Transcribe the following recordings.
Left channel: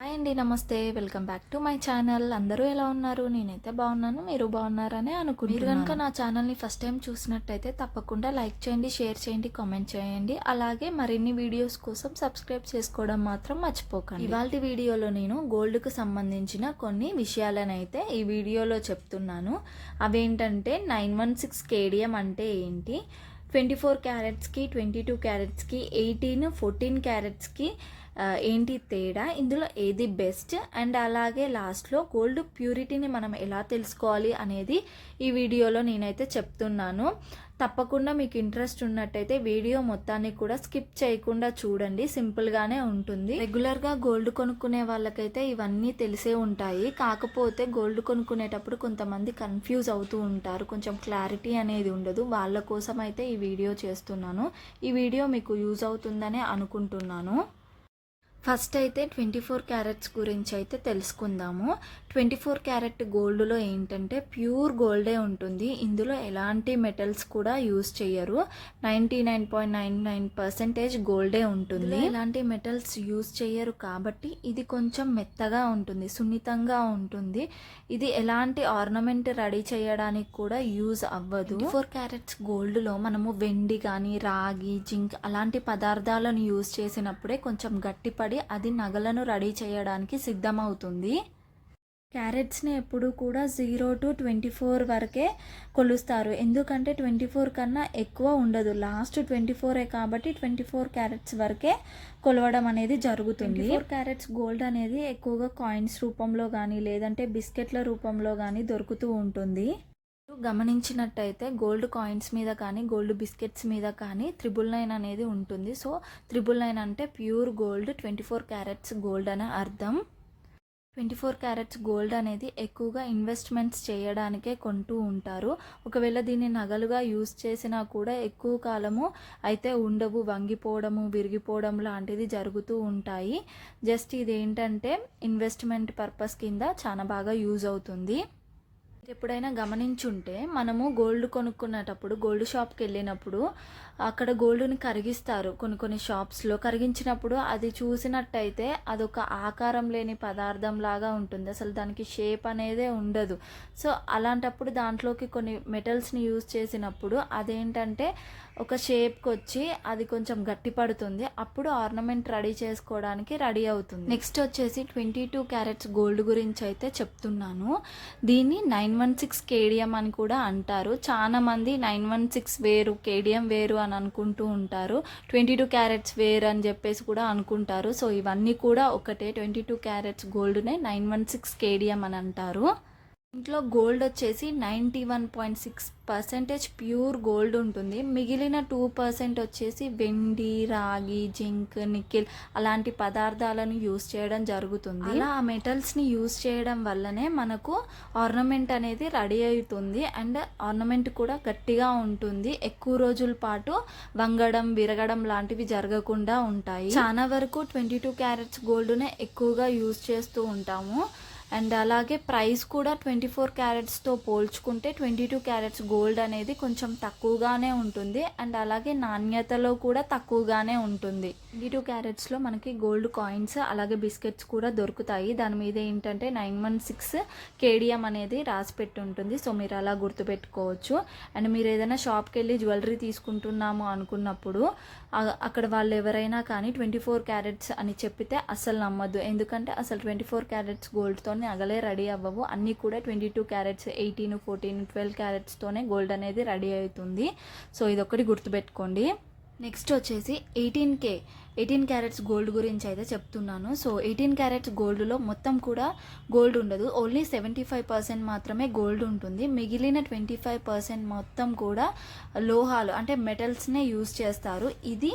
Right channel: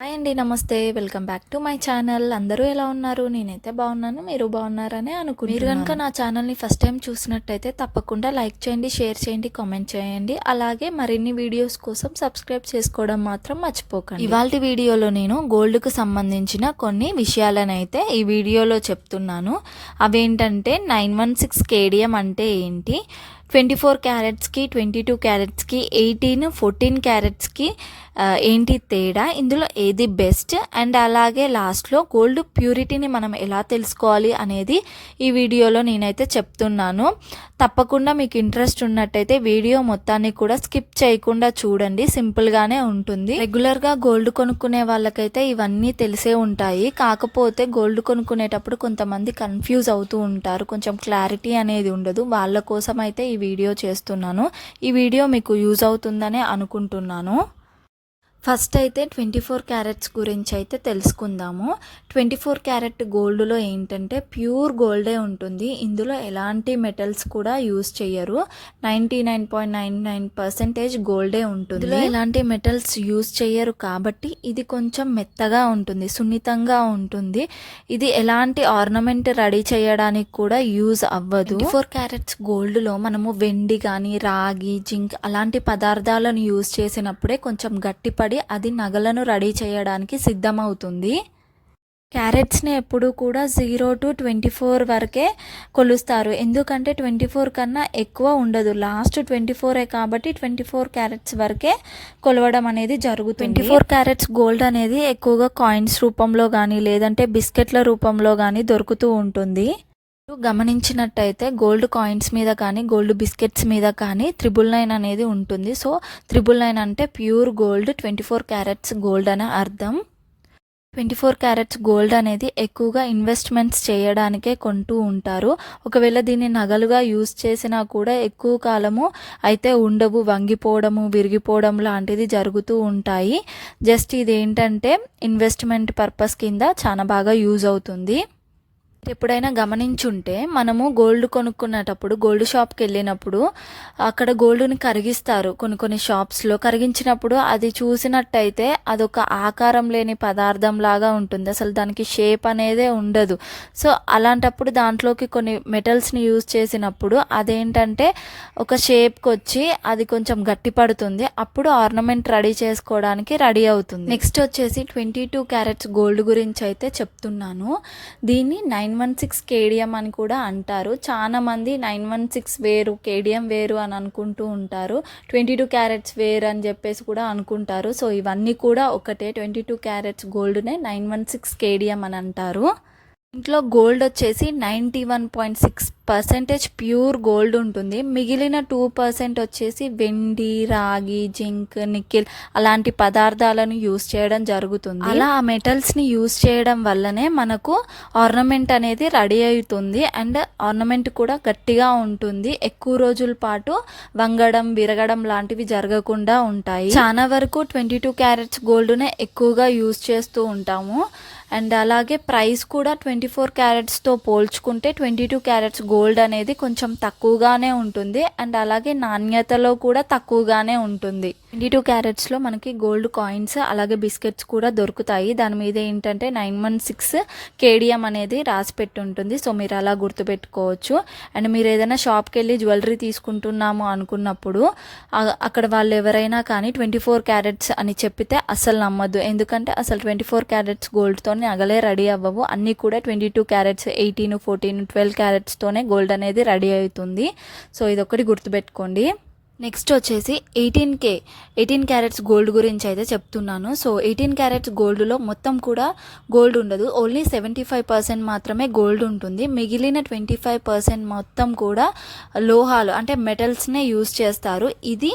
Hi అండి, నమస్తే. Welcome back to my channel. అందరూ ఎలా ఉన్నారు? నేనైతే బాగున్నాను, మీరు బాగున్నారని అనుకుంటున్నాను. మీరు కనుక నా ఛానల్ని ఫస్ట్ టైం చూసినట్టయితే తప్పకుండా లైక్ చేయండి, షేర్ చేయండి, కామెంట్ చేయండి. అలాగే మరిన్ని వీడియోస్ కోసం సబ్స్క్రైబ్ చేసుకోవడం మాత్రం మర్చిపోకండి. ఇవాళ వీడియోలో నేను గోల్డ్కు సంబంధించిన కొన్ని విషయాలనైతే ఈ వీడియోలో చెప్తున్నాను. అవేంటంటే 916 కేడిఎం అంటే ఏంటి, 24 క్యారెట్స్కి 22 క్యారెట్స్కి 18 14 క్యారెట్స్కి ఏంటి తేడా, ఇందులో ఏది బెస్ట్, అండ్ అలాగే లాస్ట్లో గోల్డ్ ప్యూరిటీని మనం ఎలా తెలుసుకోవాలి అనేది ఈ వీడియోలో నేనైతే చెప్తున్నాను. తప్పకుండా మీకు ఇంట్రెస్ట్ ఉన్నట్టయితే వీడియో మొత్తాన్ని కూడా స్కిప్ చేయకుండా చూడండి. సింపుల్గానే ఉంటుంది. రెగ్యులర్గా గోల్డ్ కొనుక్కునే వాళ్ళకైతే ఇవన్నీ తెలిసే ఉంటాయి. కాకపోతే గోల్డ్ కొనుక్కునేటప్పుడు కొంతమంది కన్ఫ్యూజ్ అవుతూ ఉంటారు, కొంచెం క్లారిటీ అనేది ఉండదు. వాళ్ళ కోసం అయితే ఈ వీడియో చేస్తున్నాను. ఈ వీడియో మీకు యూజ్ అవుతుందనే అనుకుంటున్నాను. ఫస్ట్ అయితే 24 క్యారెట్స్ గురించి అయితే తెలుసుకుందాము. 24 క్యారెట్ గోల్డ్లో ఏంటంటే ప్యూర్ గోల్డే ఉంటుంది. ఇందులో ఎలాంటి మెటల్స్ కూడా యూజ్ చేయరు. 99.99% గోల్డే ఉంటుంది. ఇందులో ఎలాంటి మెటల్స్ యూజ్ చేయరు కాబట్టి ఇది కొంచెం మెత్తగా ఉంటుంది, సున్నితంగా ఉంటుంది. ఇది ఎలాంటి ఆర్నమెంట్ రెడీ చేయడానికి కూడా యూజ్ అవ్వదు. 24 క్యారెట్స్ గోల్డ్లో మనము వెండి కానీ రాగి, జింక్ అలాంటి పదార్థాలను యూజ్ చేసినప్పుడే కొంచెం గట్టిపడి అది నగలను రెడీ చేయడానికి సిద్ధమవుతుంది. క్యారెట్స్ని ఎప్పుడు కూడా 0 to 24 వరకే కొలుస్తారు, ఎందుకంటే 24 కన్నా ఎక్కువ ఉండదు. లాస్ట్ 24 కాబట్టి 24 క్యారెట్స్ వరకే కొలవడం అనేది జరుగుతుంది. 24 క్యారెట్స్ గోల్డ్ అనేది ఎక్కువగా కాయిన్స్ రూపంలో కానీ లేదంటే బిస్కెట్ల రూపంలో కానీ దొరుకుతూ ఉంటుంది. గమనించినట్టయితే గోల్డ్ కాయిన్స్ మీద కానీ గోల్డ్ బిస్కెట్స్ మీద కానీ 999 అనేది ఉంటుంది. సో 999 అంటే ప్యూర్ గోల్డ్, 24 క్యారెట్స్ గోల్డ్ అనే అర్థం. 24 క్యారెట్స్ గోల్డ్ అనేది ఎక్కువగా ఇన్వెస్ట్మెంట్స్ చేయడానికే కొంటూ ఉంటారు. ఒకవేళ దీన్ని నగలుగా యూజ్ చేసినా కూడా ఎక్కువ కాలము అయితే ఉండవు, వంగిపోవడము విరిగిపోవడం లాంటిది జరుగుతూ ఉంటాయి. జస్ట్ ఇది ఏంటంటే ఇన్వెస్ట్మెంట్ పర్పస్ కింద చాలా బాగా యూజ్ అవుతుంది. ఎప్పుడైనా గమనించుంటే మనము గోల్డ్ కొనుక్కునేటప్పుడు గోల్డ్ షాప్కి వెళ్ళినప్పుడు అక్కడ గోల్డ్ని కరిగిస్తారు. కొన్ని షాప్స్లో కరిగించినప్పుడు అది చూసినట్టయితే అదొక ఆకారం లేని పదార్థం లాగా ఉంటుంది, అసలు దానికి షేప్ అనేదే ఉండదు. సో అలాంటప్పుడు దాంట్లోకి కొన్ని మెటల్స్ని యూజ్ చేసినప్పుడు అదేంటంటే ఒక షేప్కి వచ్చి అది కొంచెం గట్టి పడుతుంది. అప్పుడు ఆర్నమెంట్ రెడీ చేసుకోవడానికి రెడీ అవుతుంది. నెక్స్ట్ వచ్చేసి 22 క్యారెట్స్ గోల్డ్ గురించి అయితే చెప్తున్నాను. దీన్ని 916 కేడిఎం అని కూడా అంటారు. చాలా మంది 916 వేరు, కేడిఎం వేరు అని అనుకుంటూ ఉంటారు. 22 క్యారెట్స్ వేరు అని చెప్పేసి కూడా అనుకుంటారు. సో ఇవన్నీ కూడా ఒకటే, 22 క్యారెట్స్ గోల్డ్నే 916 కేడిఎం అని అంటారు. ఇంట్లో గోల్డ్ వచ్చేసి 91.6% ప్యూర్ గోల్డ్ ఉంటుంది. మిగిలిన 2% వచ్చేసి వెండి, రాగి, జింక్, నికెల్ అలాంటి పదార్థాలను యూజ్ చేయడం జరుగుతుంది. అలా ఆ మెటల్స్ని యూజ్ చేయడం వల్లనే మనకు ఆర్నమెంట్ అనేది రెడీ అవుతుంది. అండ్ ఆర్నమెంట్ కూడా గట్టిగా ఉంటుంది, ఎక్కువ రోజుల పాటు వంగడం విరగడం లాంటివి జరగకుండా ఉంటాయి. చాలా వరకు 22 క్యారెట్స్ గోల్డ్నే ఎక్కువగా యూజ్ చేస్తూ ఉంటాము. అండ్ అలాగే ప్రైస్ కూడా 24 క్యారెట్స్తో పోల్చుకుంటే 22 క్యారెట్స్ గోల్డ్ అనేది కొంచెం తక్కువగానే ఉంటుంది. అండ్ అలాగే నాణ్యతలో కూడా తక్కువగానే ఉంటుంది. 22 క్యారెట్స్లో మనకి గోల్డ్ కాయిన్స్ అలాగే బిస్కెట్స్ కూడా దొరుకుతాయి. దాని మీద ఏంటంటే 916 కేడిఎం అనేది రాసి పెట్టి ఉంటుంది. సో మీరు అలా గుర్తుపెట్టుకోవచ్చు. అండ్ మీరు ఏదైనా షాప్కి వెళ్ళి జ్యువెలరీ తీసుకుంటున్నాము అనుకున్నప్పుడు అక్కడ వాళ్ళు ఎవరైనా కానీ 24 క్యారెట్స్ అని చెప్పితే అస్సలు నమ్మద్దు, ఎందుకంటే అసలు 24 క్యారెట్స్ గోల్డ్తో నగలే రెడీ అవ్వవు. అన్నీ కూడా 22 క్యారెట్స్, 18, 14, 12 క్యారెట్స్తోనే గోల్డ్ అనేది రెడీ అవుతుంది. సో ఇదొకటి గుర్తుపెట్టుకోండి. నెక్స్ట్ వచ్చేసి 18 క్యారెట్స్ గోల్డ్ గురించి అయితే చెప్తున్నాను. సో 18 క్యారెట్స్ గోల్డ్లో మొత్తం కూడా గోల్డ్ ఉండదు, ఓన్లీ 75% మాత్రమే గోల్డ్ ఉంటుంది. మిగిలిన 25% మొత్తం కూడా లోహాలు అంటే మెటల్స్నే యూజ్ చేస్తారు. ఇది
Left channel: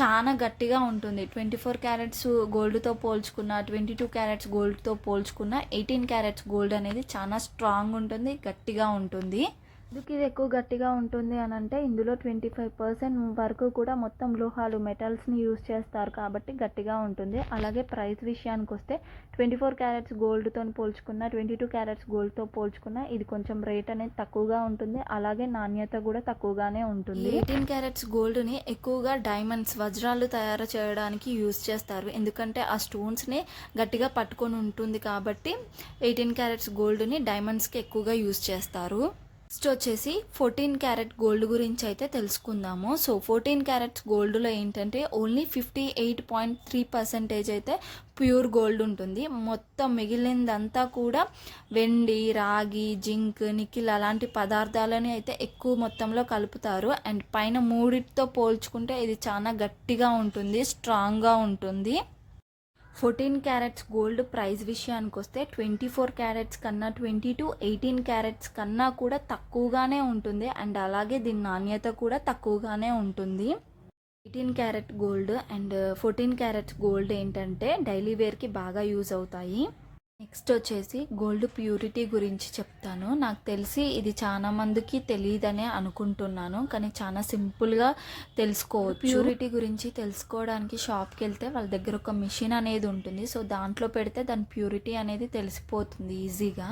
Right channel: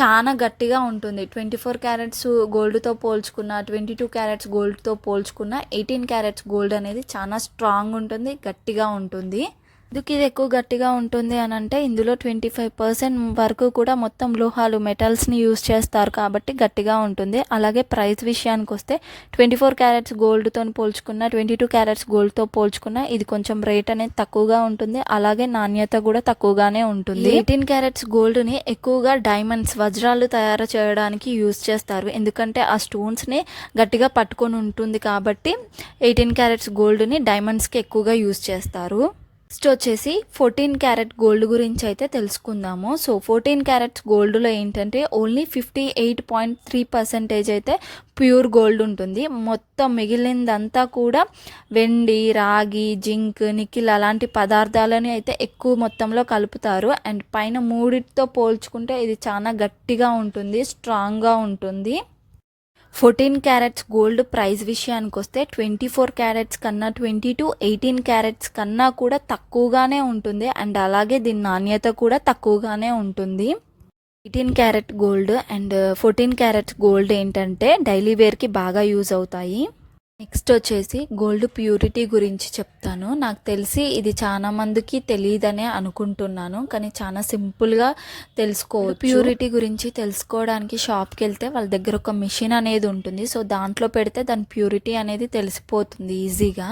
చాలా గట్టిగా ఉంటుంది. 24 క్యారెట్స్ గోల్డ్తో పోల్చుకున్న, 22 క్యారెట్స్ గోల్డ్తో పోల్చుకున్న 18 క్యారెట్స్ గోల్డ్ అనేది చాలా స్ట్రాంగ్ ఉంటుంది, గట్టిగా ఉంటుంది. ఎందుకు ఇది ఎక్కువ గట్టిగా ఉంటుంది అని అంటే ఇందులో 25% వరకు కూడా మొత్తం లోహాలు మెటల్స్ని యూజ్ చేస్తారు కాబట్టి గట్టిగా ఉంటుంది. అలాగే ప్రైస్ విషయానికి వస్తే 24 క్యారెట్స్ గోల్డ్తో పోల్చుకున్న 22 క్యారెట్స్ గోల్డ్తో పోల్చుకున్న ఇది కొంచెం రేట్ అనేది తక్కువగా ఉంటుంది. అలాగే నాణ్యత కూడా తక్కువగానే ఉంటుంది. 18 క్యారెట్స్ గోల్డ్ని ఎక్కువగా డైమండ్స్ వజ్రాలు తయారు చేయడానికి యూజ్ చేస్తారు. ఎందుకంటే ఆ స్టోన్స్ని గట్టిగా పట్టుకొని ఉంటుంది కాబట్టి 18 క్యారెట్స్ గోల్డ్ని డైమండ్స్కి ఎక్కువగా యూజ్ చేస్తారు. నెక్స్ట్ వచ్చేసి 14 క్యారెట్ గోల్డ్ గురించి అయితే తెలుసుకుందాము. సో 14 క్యారెట్స్ గోల్డ్లో ఏంటంటే ఓన్లీ 58.3% అయితే ప్యూర్ గోల్డ్ ఉంటుంది. మొత్తం మిగిలిందంతా కూడా వెండి, రాగి, జింక్, నికిల్ అలాంటి పదార్థాలని అయితే ఎక్కువ మొత్తంలో కలుపుతారు. అండ్ పైన మూడిటితో పోల్చుకుంటే ఇది చాలా గట్టిగా ఉంటుంది, స్ట్రాంగ్గా ఉంటుంది. 14 క్యారెట్స్ గోల్డ్ ప్రైస్ విషయానికి వస్తే 24 క్యారెట్స్ కన్నా 18 క్యారెట్స్ కన్నా కూడా తక్కువగానే ఉంటుంది. అండ్ అలాగే దీని నాణ్యత కూడా తక్కువగానే ఉంటుంది. 18 carat gold and 14 carats gold ఏంటంటే డైలీ వేర్కి బాగా యూజ్ అవుతాయి. నెక్స్ట్ వచ్చేసి గోల్డ్ ప్యూరిటీ గురించి చెప్తాను. నాకు తెలిసి ఇది చాలా మందికి తెలియదనే అనుకుంటున్నాను, కానీ చాలా సింపుల్గా తెలుసుకోవచ్చు. ప్యూరిటీ గురించి తెలుసుకోవడానికి షాప్కి వెళ్తే వాళ్ళ దగ్గర ఒక మిషన్ అనేది ఉంటుంది. సో దాంట్లో పెడితే దాని ప్యూరిటీ అనేది తెలిసిపోతుంది ఈజీగా.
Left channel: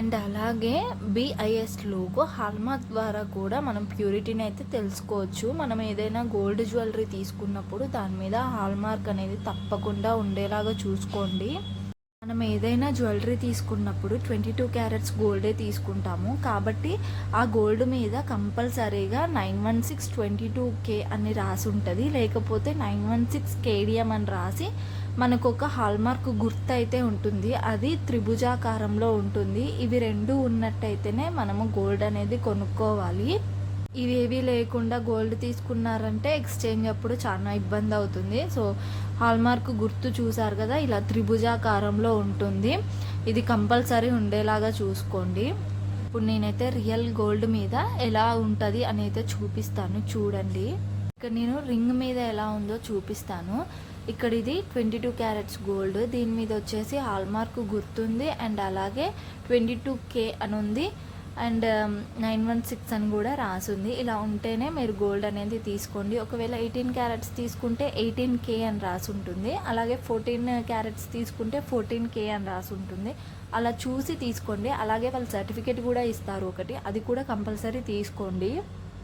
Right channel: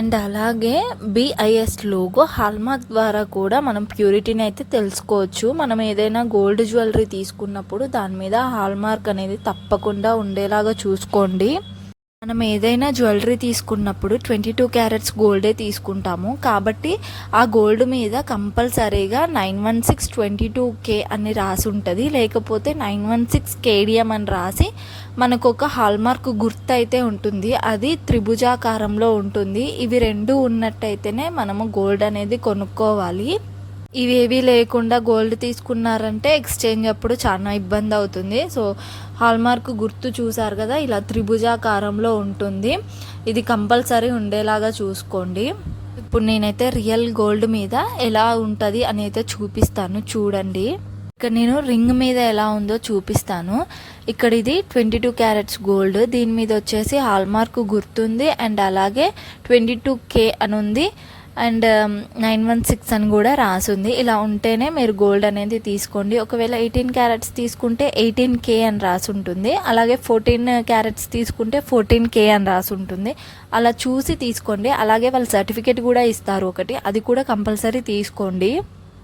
అండ్ అలాగే BIS లోగో హాల్మార్క్ ద్వారా కూడా మనం ప్యూరిటీని అయితే తెలుసుకోవచ్చు. మనం ఏదైనా గోల్డ్ జ్యువెలరీ తీసుకున్నప్పుడు దాని మీద హాల్మార్క్ అనేది తప్పకుండా ఉండేలాగా చూసుకోండి. మనం ఏదైనా జ్యువెలరీ తీసుకున్నప్పుడు 22 క్యారెట్స్ గోల్డే తీసుకుంటాము కాబట్టి ఆ గోల్డ్ మీద కంపల్సరీగా 91622K అని రాసి ఉంటుంది. లేకపోతే 916 KDM అని రాసి మనకు ఒక హాల్మార్క్ గుర్తు అయితే ఉంటుంది. అది త్రిభుజాకారంలో ఉంటుంది. ఇవి రెండు ఉన్నట్టయితేనే మనము గోల్డ్ అనేది కొనుక్కోవాలి. ఇవేవి లేకుండా గోల్డ్ తీసుకున్నారంటే ఎక్స్చేంజ్ అప్పుడు చాలా ఇబ్బంది అవుతుంది. సో హాల్మార్క్ గుర్తు చూసారు కదా, ఇలా త్రిభుజాకారంలో ఉంటుంది. ఇది కంపల్సరీ ఉండేలాగా చూసుకోండి. ఇప్పుడు నేనైతే రియల్ గోల్డ్ మీద ఎలా ఉంటుంది అని అయితే చూపిస్తాను, చూడండి. ఇక్కడ నేను రింగ్ మీద ఎలా ఉందో చూపిస్తాను. ఇక్కడ ఇది 22 క్యారెట్స్ గోల్డ్, దీని మీద వచ్చేసి హాల్మార్క్ గుర్తుంది అండ్ అలాగే 22K అని ఉంది అండ్ 916 అని కూడా రాసుంది. ఇలా ఉంటేనే మీరు గోల్డ్ అనేది తీసుకోండి. ఒకవేళ 18 క్యారెట్స్ తీసుకుంటే 18K అని రాసి ఉంటుంది. అలాగే 14 క్యారెట్స్ తీసుకుంటే 14K అని రాసి ఉంటుంది. అలా చూసి తీసుకోండి. అలాగే వాళ్ళు సర్టిఫికేట్ కూడా ఇస్తారు ఒకటి, అది కూడా కంపల్సరీ తీసుకోండి.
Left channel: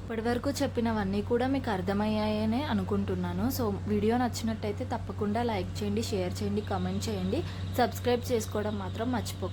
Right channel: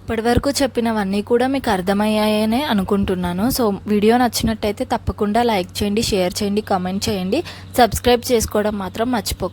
ఇప్పటివరకు చెప్పినవన్నీ కూడా మీకు అర్థమయ్యాయనే అనుకుంటున్నాను. సో వీడియో నచ్చినట్టయితే తప్పకుండా లైక్ చేయండి, షేర్ చేయండి, కామెంట్ చేయండి. సబ్స్క్రైబ్ చేసుకోవడం మాత్రం మర్చిపోకండి.